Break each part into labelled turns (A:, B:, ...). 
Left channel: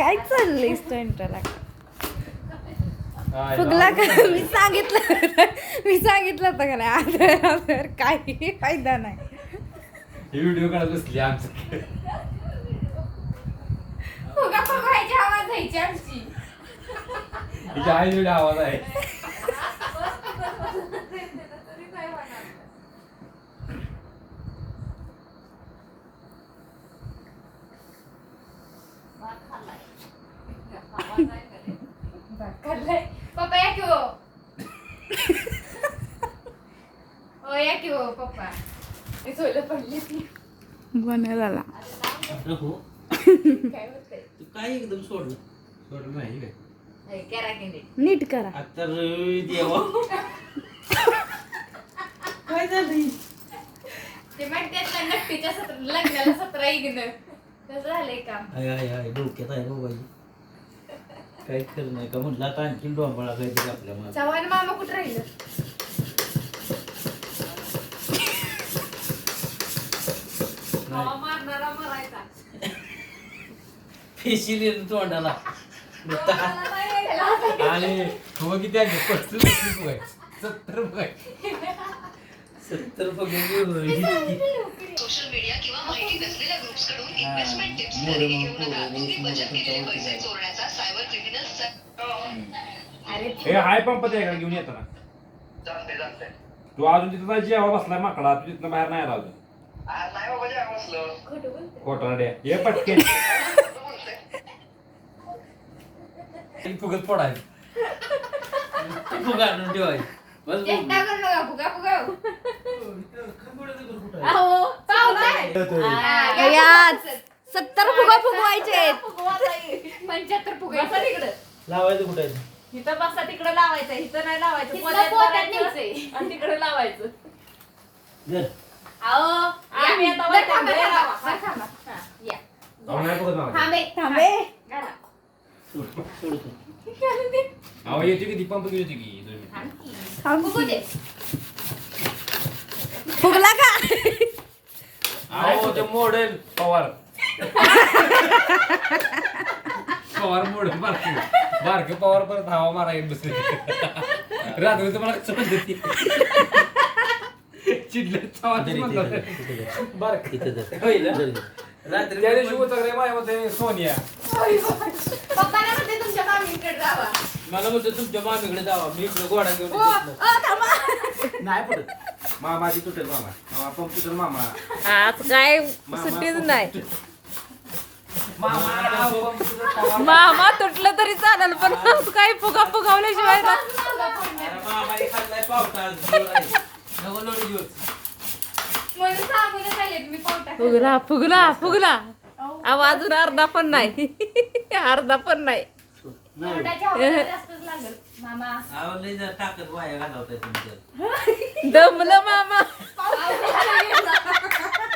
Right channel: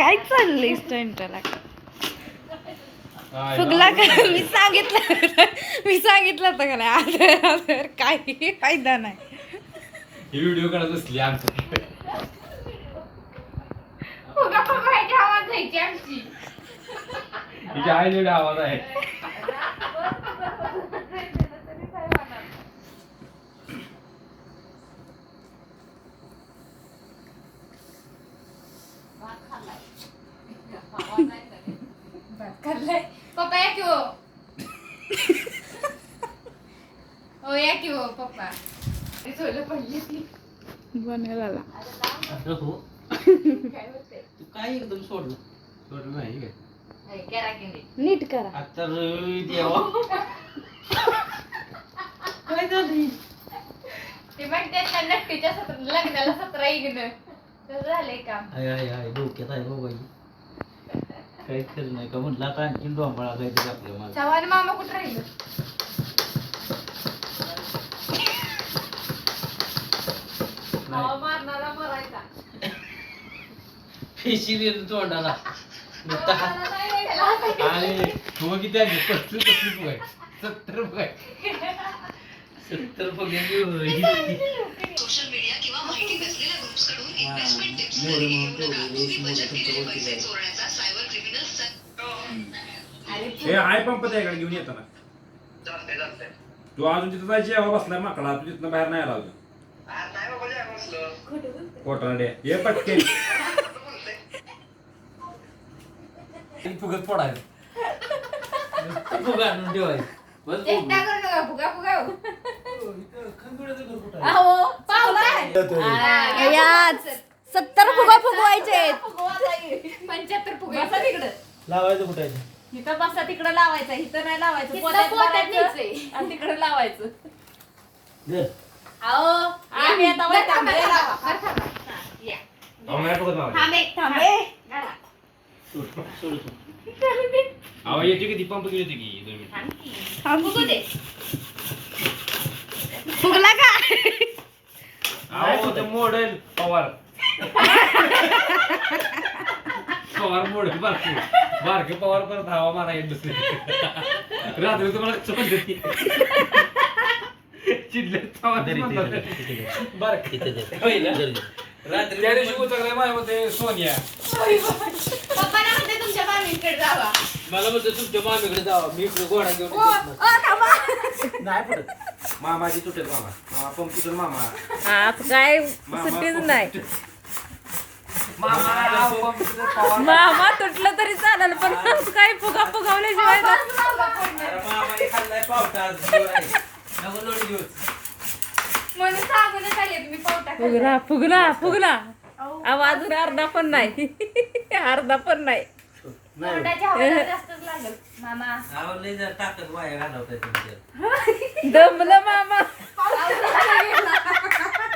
A: काय चाललंय? स्टंटला फुगला का? मी सांगितलं मी सांगितलं होतं का नाही? आदर आदर काही फायदा नाही.
B: ही व्हिडिओ काढत बसली आमची.
C: फुगा फुगवायची आवाज जायची
B: आवाज आहे
C: भात खाल्लाय पप्पा या की हो हो या की हो पप्पा ते सोयला पडली ती
A: बन झाला
D: हो
C: काय होतंय
D: तू काय एकदम सोडलं
B: सोडलं नाही काय
C: करा की नीट.
A: नीट करा
D: आता देवा काय झालं
C: ते म्हणते त्या नट्टीच्या सत्र लग्नाला सतरा इग्न तसं झालंय काम
D: आय आय आय डोक्यात आहे बाबाजी काही खरं नाही का? म्हटलं आता आणखीन डोंबाळा काहीतरी आपल्या माझं
C: चव्हाण मामा कुठं राहिलं? मारणारा मरायचा.
D: तोंडाला. नुसता
B: आणि फुगा किती आहे? पस्तीस पस्तीस सत्तर आहे
D: सत्तर पगार
E: सोशल मीडिया किंवा माहिती नसलेल्या ग्रुप्सकडून
D: हा,
E: इन्व्हेस्टमेंट टिप्स खरेदी बचत केलेले पैसे. चोरण्याचा सायबर
B: हे हाय पंप आहे का? घेऊन येताना
F: चालते
B: तू अजून तिथं जायची जेव्हा बसलाय माकडा. तू तिथनं बाहेर नाही आला अजून.
F: नाही बाबा बसलं.
B: ये पटके फुगत फोडायचं
D: फुगा आणून बस
C: नका फुगा फुगा हो.
D: खंडोळ्याचं घर कुठं आहे?
C: अहो पाहुणा आहे.
A: याच सत्तर फुगा फुगवायचे
C: पंच्याहत्तर फुगा तिकडं
D: लावायचं कुठं
G: इथं बसा तिकडं लावायचं इथं नाही लावायचं
C: तिथलं
G: पोत्यात
C: पोत्यात
G: भरायचं
C: न्यायचंय.
G: आणि तिकडं लावायचं
D: जर
C: अहो
G: आम्ही आता
C: बरं थांबा,
G: बरं
C: थांबा, बरं थांबा. हा, या. थांबे
A: थांबे.
C: घाला.
D: सोड सोड सोड.
B: अहो येते की ती पंप घेऊन येते की दोन मिनिटं.
C: थांब की.
A: थांब
C: फुगू दे.
A: फुगला का
B: अहो ते मॉडेल पवार. पवार मॉडेल बारके. बारके पवार परत हवा मारा येत बसले रात्री तुम्हाला कसं म्हणते चिडले. बारके.
D: इथं जर.
B: होईल
D: जर, जर. रात्री
B: त्या दिवशी उतरले माझ्या मते सोनिया.
C: पप्पाला म्हणते तुमच्या मामीकडे जावा.
D: मला म्हणतो तुमच्या मामीकडे जावा. मी गोडा घेऊन
C: थांबा.
D: नाही पडत.
B: तुटेल मामा. मामा पंप तुटेल मामा.
A: आज काय
B: मामा
A: सुट्टीच नाही.
B: तुटेल. मामा तुटेल,
A: तरी चालेल पण काय फुगा फुगवल्याशिवाय ना
D: अरे मामाने खाल्लाय पावटा आज गोड आहे. नको लोणी घेऊच.
C: म्हणून सांगूनच आले मी पोटात
A: फुगला फुगला फुगला. आवाज अजून अर्धा पण नाही. अर्धा पण नाही.
D: नाही.
C: पोटाच्या हवेला जास्तच लागल. मामा.
D: अहो, लय जरा ताकद वाया घालवताय तुमच्या.
A: दमलं मामा.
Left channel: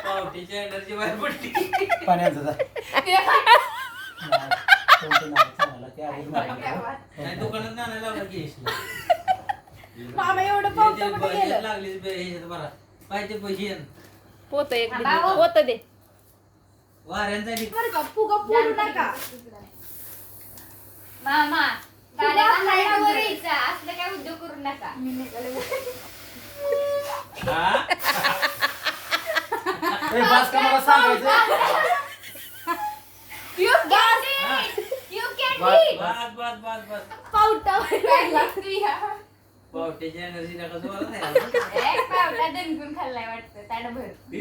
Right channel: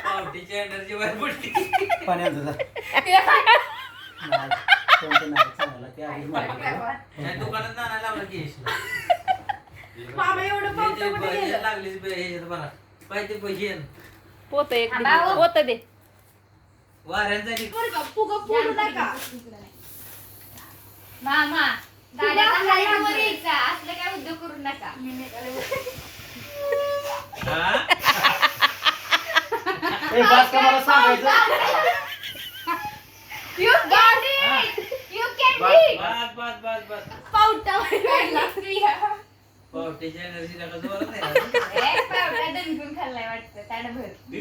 D: पावटीची एनर्जी बाहेर पडली. पाण्याचं नाही दुकानात नाना लावला की
C: मामा एवढं पावतं कुठे गेलं?
D: लागलीच बे ह्याच्यात बरा पाहिजे पैसे. येन.
A: पोत एक
C: थांबा.
A: पोत दे.
D: वाऱ्यांचा नि-
C: मामा दादाचा हाईटवर यायचा असलं काय उद्योग करू नका
D: हा? ए, बास का मला सांगायचं
C: You can it! You can
D: bus
C: it!
D: बस बस बस बस
C: काय लागली हा?
D: पावटीची एनर्जी नका जोरात आहे.
C: ए, पावटा दणकून खाल्लाय वाटतं ताट भर
B: ई,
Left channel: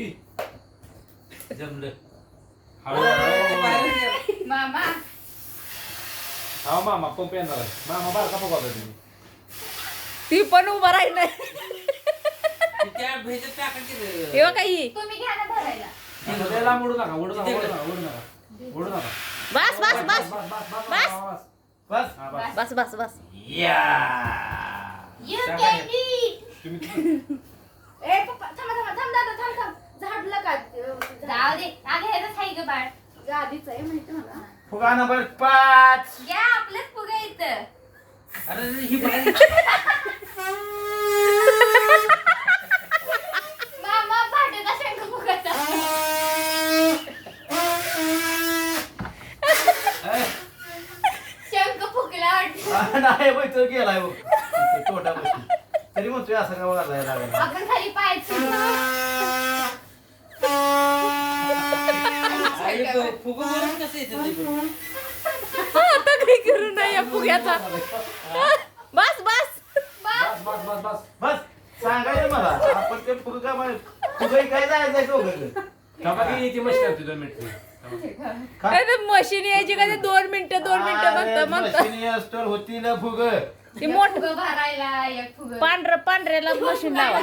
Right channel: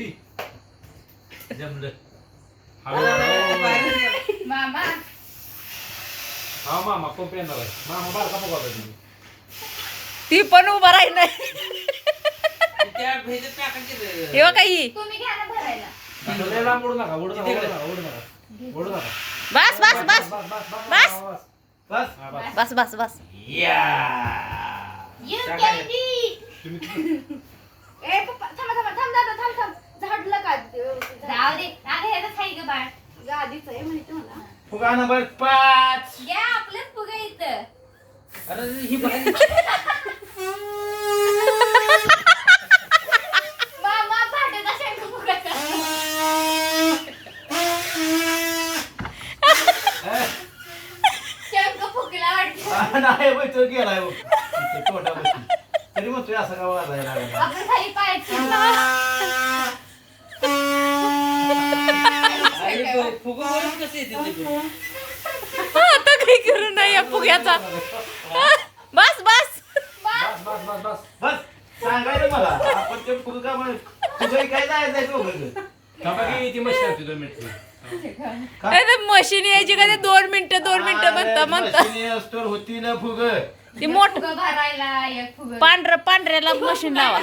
D: जमलं
B: हळू हळू.
D: बाहेर ये.
C: मामा
B: हा मामा पंप येणार आहे. मामा बारका पंप होता तुम्ही.
A: ती पण उभा राही नाही.
D: त्या भेजत टाकायचे रे.
A: हे बघा ही.
C: तुम्ही घ्या ना भरायला.
B: असं लय लांब उडू नका उडू नका उडू नका उडू नका. उडू नका.
A: बस बस बस
B: बस. बस बस
A: बस.
B: बस.
D: बस.
B: हा, बस.
A: बस बस बस.
D: या.
C: You
D: त्या
C: can
D: काय?
C: it!
B: तुम्ही
C: ए पप्पा थांबा थांबा थांब दादा थांब थांब. झाडलं का? जाऊ दे. अगं ह्याचं खाई ग बाळ. गादीच आहे माहिती मला.
D: फुगा नंबर पाच.
C: घ्या आपलंच फुगा इथं.
D: अरे ही बाहेर
C: मामा भांडत असेल का फुगाचा
D: ए,
E: नाही बाई, तो गेलाय हो. इथे पोटापाशी. तरी म्हणतोय असं का वाजायला लागला?
C: आपण खाली
E: आई गं, फुगवून कसं येते ते गं?
A: आता काही करू नाही या फुग्याचा. बस बस.
E: सांगायचं मला. आपण ते फुग काय
A: मशीन यायची का ते दोन मिनिटं दोन मिनिटं म्हणता म्हणता.
E: होती ना फुग.
A: ती मोठ पांढर पांढऱ्याला मशीन लावा.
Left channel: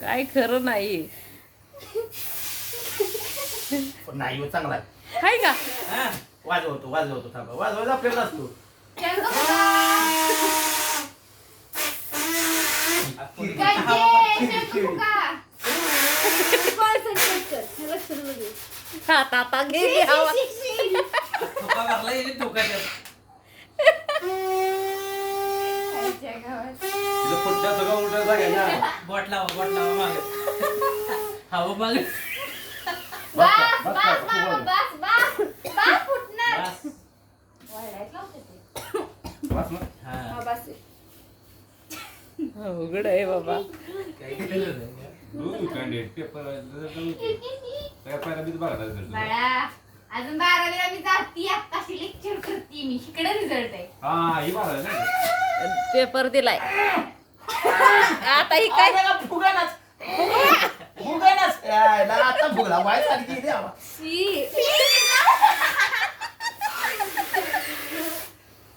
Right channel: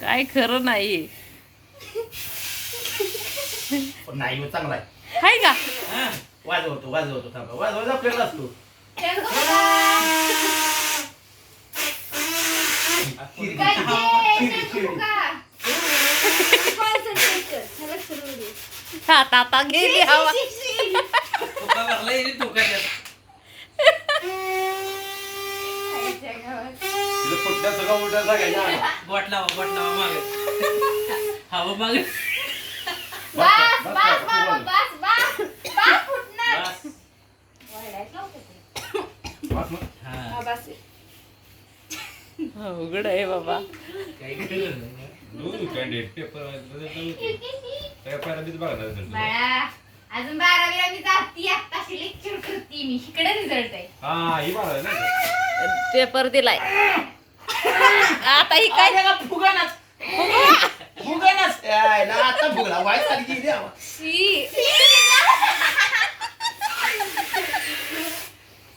A: काय खरं नाही.
E: पण नाही हो, चांगला आहे
A: हाय का
E: हा, वाजवतो वाजवतो थांबा वाजवायचा आपल्याला असतो.
C: हे.
A: आता गेली हवा.
B: तिला उलटा जागा
E: बोट लावा बोट लावा मागे हवा मागे
C: बस,
B: बस,
C: बस,
B: बस,
C: बाबा,
B: बस.
C: बस, बस. बस, फुटणार.
E: बस.
C: वळायचं नव्हतं ते.
B: बस मग
E: हा,
C: हा, बस.
A: अवघड आहे बाबा
B: पेपर पेपर बीच बघणार result.
C: बाळा अजून बारावीला मी जाती आत्ताशी लेक्चर करते मी इकडे रिझल्ट आहे
B: हा ही बारा आहे ना
A: पेपर दिलाय आता ही काय
E: काय फुगनाच फुगनाच यायला आता फुगला वाय सारखी द्यावा
C: शी.